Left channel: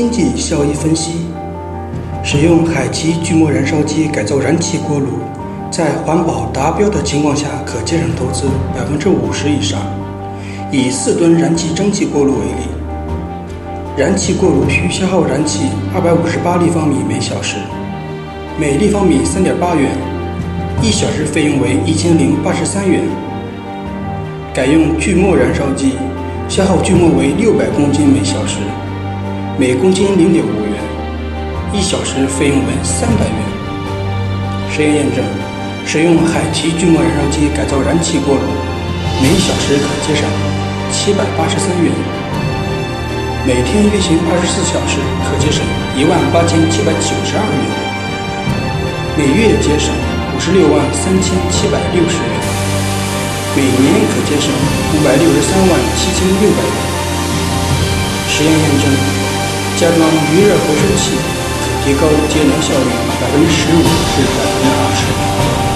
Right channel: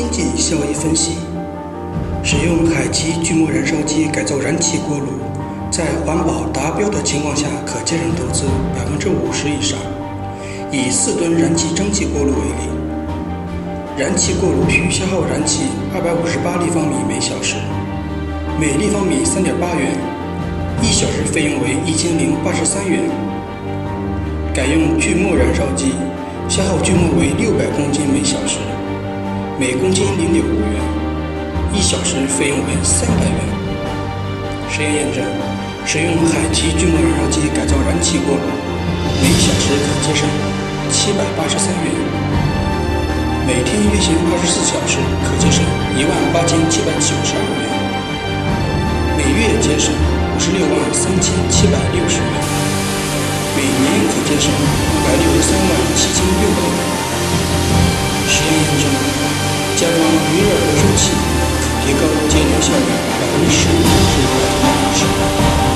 经济效益分析：使用海奇锯末燃烧机改造燃气锅炉，在环保达标的情况下，可节省投资50%以上。以4吨燃气蒸汽锅炉为例，燃气锅炉需消耗燃气258立方米每小时，每立方米3.8元，1小时费用为1083元。改用锯末燃烧机，消耗锯末为600公斤每小时，每公斤0.5元，1小时费用为300元。实验验证，使用海奇锯末燃烧机改造燃气锅炉，每小时可节省783元，每天运行24小时可节省18792元，每月节省563760元，每年可节省5637600元。实验验证，加装余热回收器可提高节能效率15%至20%。